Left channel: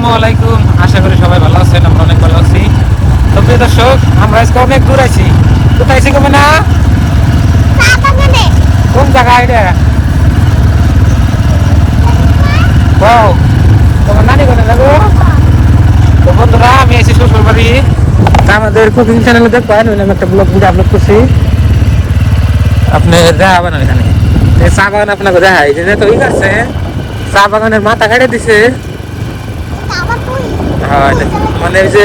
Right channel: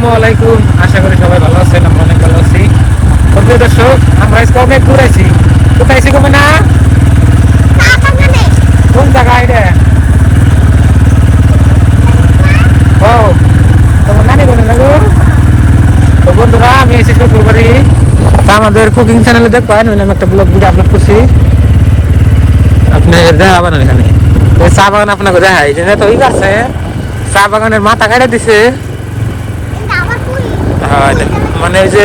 আসসালামু আলাইকুম। আশা করি সবাই ভালো আছেন, আমরা অনেক ভালো আছি। তো প্রিয় দর্শক, আমরা আজকে অনেক দূর আছি। কোথায় আছি তুমি না? কোন জায়গায় এটা? ও, তোমার নানি বাড়ি যাবে? তো বন্ধুরা, আমি আছি শ্বশুর বাড়ি। তা আমাদের কুকিং চ্যানেলে দেখবেন, আমি একটা ব্লগ ভিডিও আপলোড করছি। আপনি দেখা বানান এখানে এই চা বাগান আপনাকে দেখাই। এখানে তো ই আছে, চা বাগানের মাথা কেটে দিছে। হ্যাঁ, মানে ওই যে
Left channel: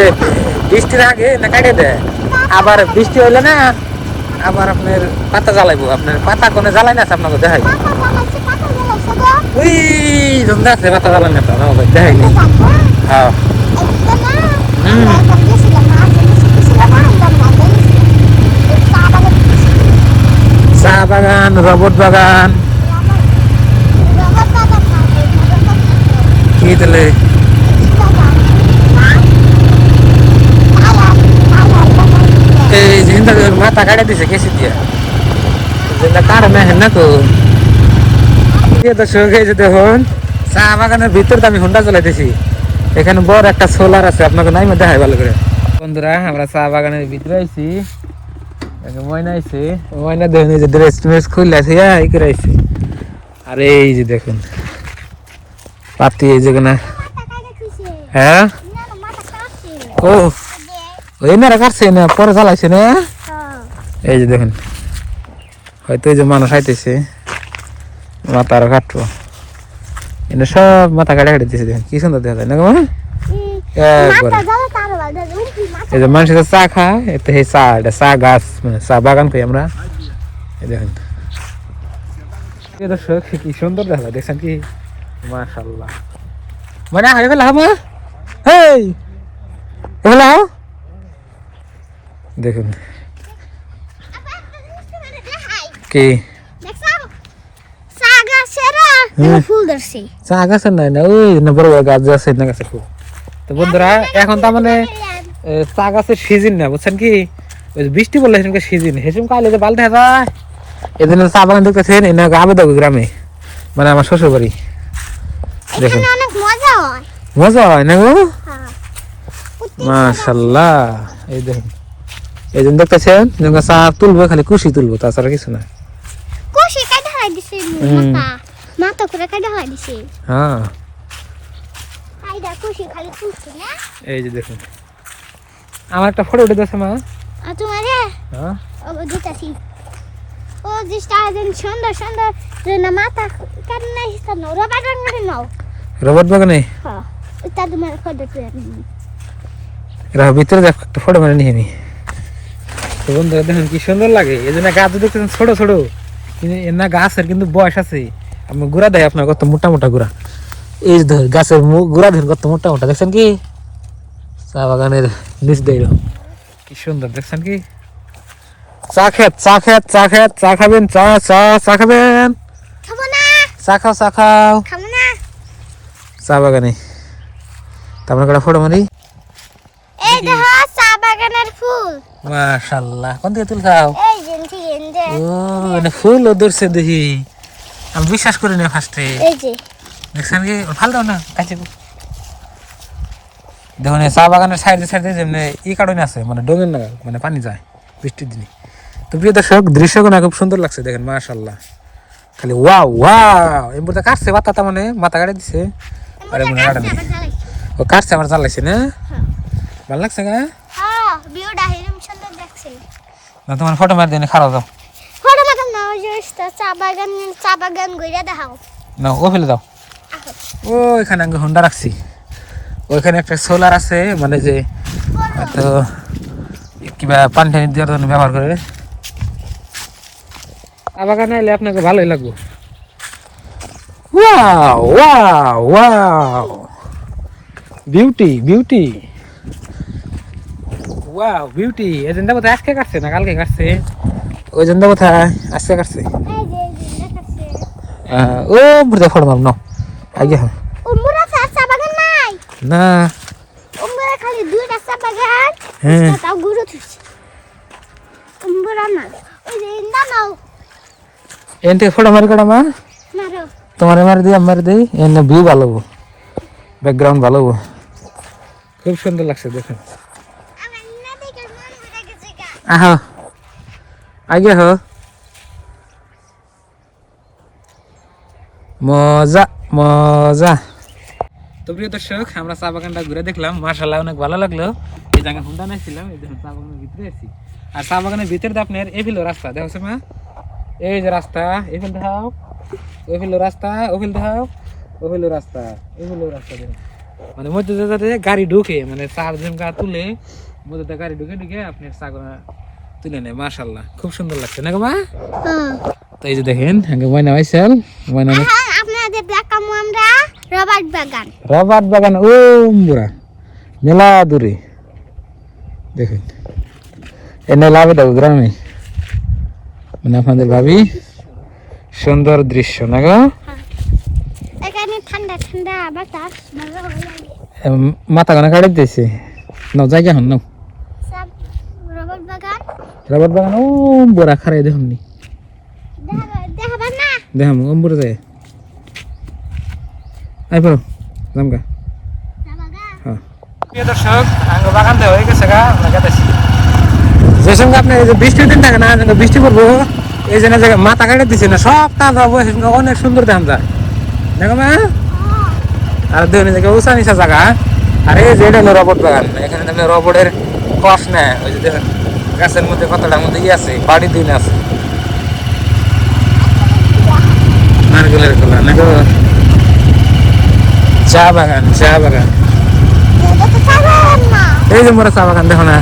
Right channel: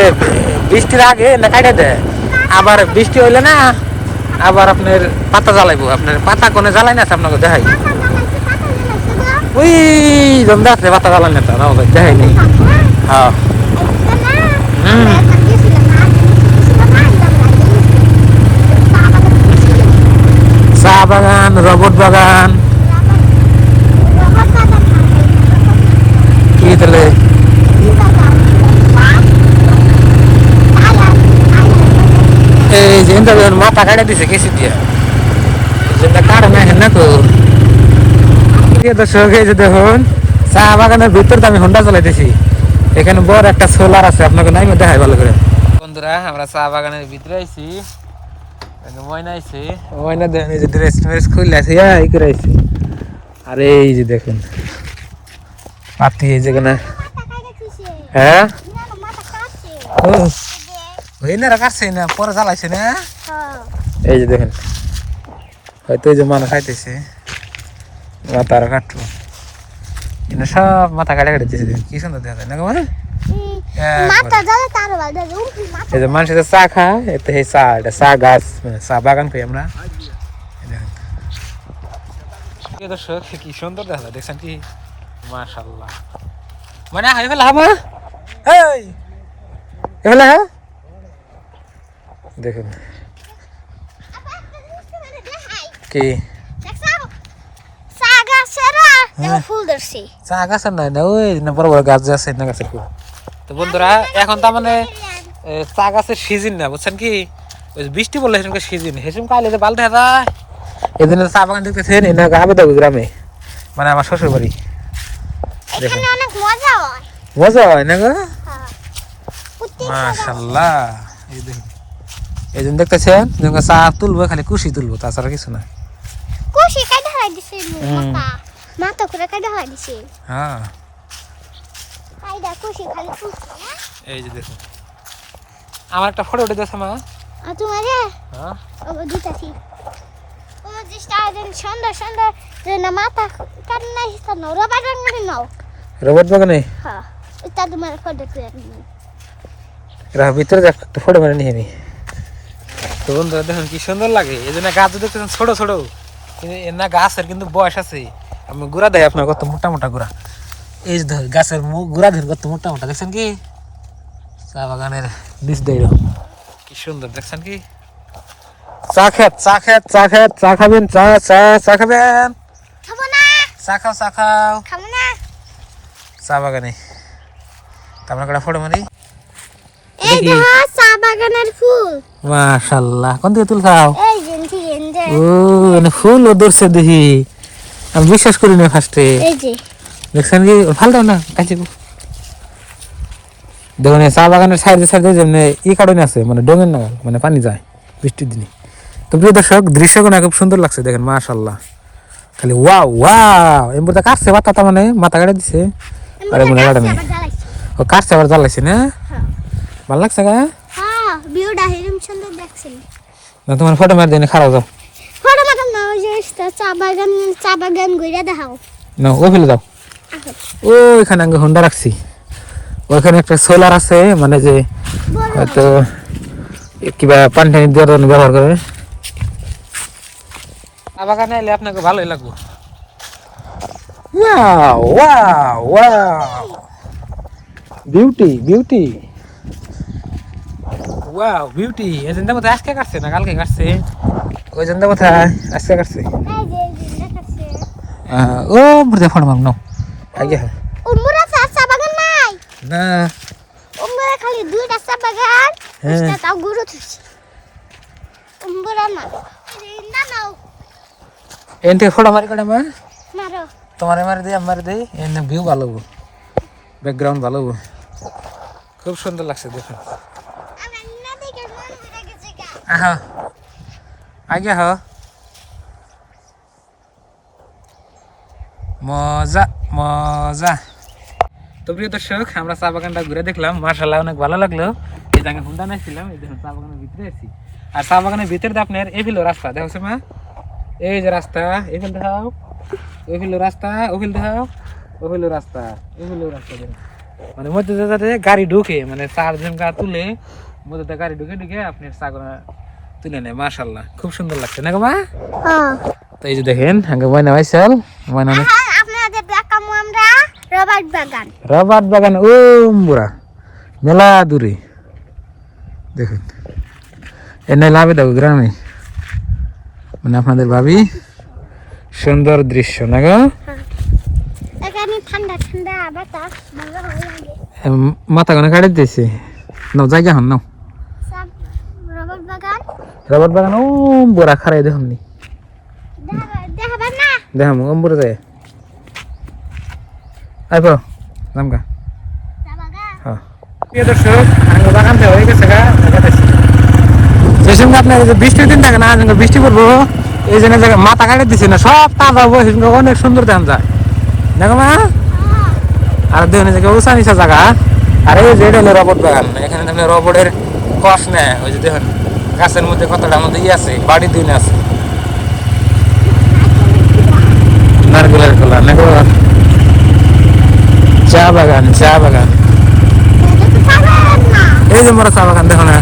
বৃষ্টির আগে না কাটে দেয়, আবার বৃষ্টি হইলে না আবার আপনার পাতা জ্বালাইবো। আপনার পাতা কোনে জ্বালাই না আপনাকে দেখাই। ওই জমদা আছে পাতা জ্বালাই না তার দেখাই নেই। হ্যাঁ, চা বাগান, রবট বাগান কি দিলে এই যে মাথা কাটে দিছে কেসি দিয়া কারণে না তো। দর্শক, এই যে দেখুন চা বাগানের ভিতর আমি হোন্ডা চালাইতেছি। এখানে বড় একটা সোলার আছে, আপনাকে নাই দেখাই ভালো করে। বন্ধুরা, আমরা চা বাগানের ভিতরে আইছি। ময়না আইছে, ময়না দেখুন এই যে ড্রেস ট্রেস খুলে আছে এই করে আইছে। আর এই যে দেখুন পাতি এই যে না, হ্যাঁ ও ওই না কাটছে না, পরে জ্বালাইছে না। এই যে দেখুন হয়তো এই যে মানুষ আইতেছে মাথা আরো কাটবো। এটা সব মাথা কাটা কেটে দিয়েছে। দেখেন কি সুন্দর দেখা যায় না গো। এই যে মানুষের চা খায়, এটা চা, এটা চা গাছ, মানে চা বাগান খাই আমরা। এই দেখেন দর্শক কি সুন্দর দেখা যায়, দেখছেন কি? মাশাআল্লাহ। মানে হাই ফেলা হবে। হেই হ্যালো, দেখুন কি চা গাছের নাই না, ওই না বড় বড় গাছ আছে না গাছের। তো বন্ধুরা, এখন তার মানে চা গাছের সিজন না, বুঝছেন কি? ওই বৃষ্টি পড়লে সেরকম সিজন, সেরকম কালে যে বালতে যায়। এই জন্য চা বাগান দেখতেছেন আমি দেখো গ্রামে, মানে আমার শ্বশুর বাড়ি। দেখুন মজা হয় না গো, মাশাআল্লাহ। এই দেখুন, এই জন্য দেখতেছেন চা তুলবো, খালি কুশি তুলবো, তাছাড়া কিছু না। হ্যাঁ, এই যে দেখুন আমার একটা ফটো উঠে দিয়েছে মা। হ্যাঁ, রবট বাগানে ভিতরে একটা ফটো মানে নিয়ে নি। বন্ধুরা দেখুন কি সুন্দর লাগে। এই জন্য গাছ দেখতেছেন ছোট ছোট, কিন্তু না গাছের কিন্তু বয়স আছে। আমি গুড়া দেয় আপনার কত মোটা মোটা গুড়া। এই গাছের গুড়া ধরুন কত মোটা মোটা, দেখছেন কি? চা বাগানের নিচ দিয়ে কি সুন্দর, দেখছেন কি? চা খেত, চা খেত, চা খেত, চা খাবেন, চা চা চা খাবেন, চা খাও, চা খাও চা বাগানে। তারপরে কটা ফটো মারি। মাশাআল্লাহ, কোন দিকে তুলছাও? ও ফুল ধরছে দেখি, আমি বিশ্বাস করি না ফার্স্টে। দেখছেন কি? ফালতো না কাছে দেখুন চা বাগানের সাইডে সাইডে যেমনি ই কারণে আছে, মানে ডোঙের নাগাল, মানে পানি যায় বৃষ্টির দিনে। তো প্রিয় দর্শক, দৃশ্যগুলো খুব সুন্দর লাগছে, দেখেন মাশাআল্লাহ। খালি ওয়াও ওয়াও, এমনি কাটছে পাতা, মানে মাথা কাটে দিছে। আরে মনে কাটে না, ও কাটছে আবার জ্বালাইছে না। ভালো লাগছে গা? তোমার ফটো মার দিনে খারাপ যাও না, ও ফেলে দাও। ওইখানে আমি হোন্ডা রাখছি, ওইখানে একটা সোলার আছে, মানে যে হয়তো কিবা পানি টানি দেওয়ার জন্য ব্যবহার করে। চা বাগানে এলে আপনাকে ভালোই লাগবে। Beauty beauty wow beauty. এই জন্য কোথায় আজকে কাটছে না কালকে কাটছে, ওই জন্য কোথায় আজকে কাটছে। ও বুঝতে ফটো মার নাও আগে না। এনটি ফটো মারি কটা মা তোমার মারি দিই, আমি মারি দিই, এনে ভিউ ভালো, ব্যাকগ্রাউন্ড ভালো। খুব সুন্দর লাগছে দেখুন। আহ আগে হ মজা মজা। তো প্রিয় দর্শক, আমরা চা বাগানটা ঘুরে দেখলাম, মাশাআল্লাহ অনেক ভালো লাগলো। এই জায়গায় হুন্ডা নাইছিলাম, এই দেখুন চা বাগানের ভিতরে আছি। আর চা বাগানের ভিতরে আপনার এগুলো রাস্তা দেখো মা, এই যে রাস্তা, এগুলো দেখাও, এগুলো রাস্তা, ওগুলো দেখাও, ওগুলো রাস্তা, এগুলো রাস্তা দেখুন। মানে মধ্যে যাতে গাড়ি ঢুকে, মানে চার ঝুমকা তুলে মধ্যে গাড়ি ঢুকে ঢুকে আপনার চাগনা তুলে নেয়। মাশাআল্লাহ খুব সুন্দর লাগছে না গো মা? তো এই যে দেখেন আগে ময়না হয়েছেন, ময়না আপনাদের দেখাবো আমরা রবার্ট বাগান। রবার্ট বাগান ও বুড়া মেলা দূরে দেখেন, এনে লাভে দেখো গ্রামে, মানে আপনাদের ভাবি সুন্দর দৃশ্য না গো? এখানে ঠান্ডা ঠান্ডা বাতাস ভালো লাগে। মাথা গানা কাটে দিয়েছে, নাও জায়গা হন নাও। সব রবার্ট বাগান, রবার্ট বাগান ও বুড়া খারাই দেখুন নি, দেখাবেন না? দেখাম অম্বুরে যায় আইব নামগা। হ্যাঁ প্রিয় দর্শক, আঙ্গ বাগান দেওয়া হয়ে গেছে গা, যে সঙ্গে আপনার বৃষ্টির দিন থাকে না, বৃষ্টি পড়বো এই জন্য জায়গায় মাথা কাটে দিচ্ছে না, সব তাজা অনেক সুন্দর দেখা যায় দেখো মা। আর দেখুন জায়গা উঁচা নিচা জায়গা, আর এই যে এটা হলো রবট বাগান, এখানে দেখেন রবটের কস নেয়, ওই যে দেখুন গাছের মধ্যে কতটার মধ্যে ই আছে, বাড়ি দিন আছে নারকেলের খোলা দেখো, চা বাগান, চা বাগান, এটা তো পাবেন না। এই যে মোরা চা বাগান দেখো না,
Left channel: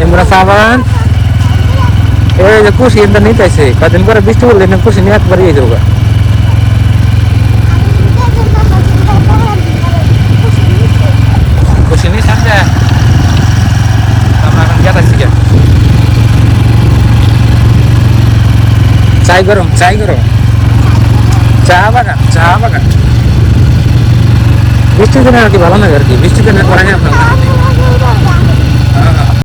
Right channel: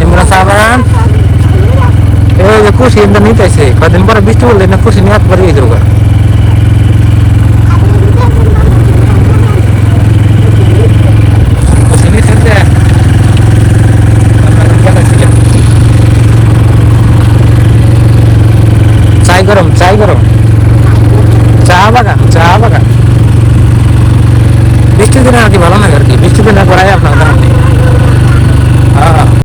এই মোরা চা বাগান, এই যে কুশি নিতেছে, কদিন পরে বৃষ্টি পড়লে কুশি নিয়ে পারিয়ে দেবো। কুশি নিচ্ছেন যে আমরা গেলাছি, চাই গরম, চাই গরম, চা বাগান, চা বাগান।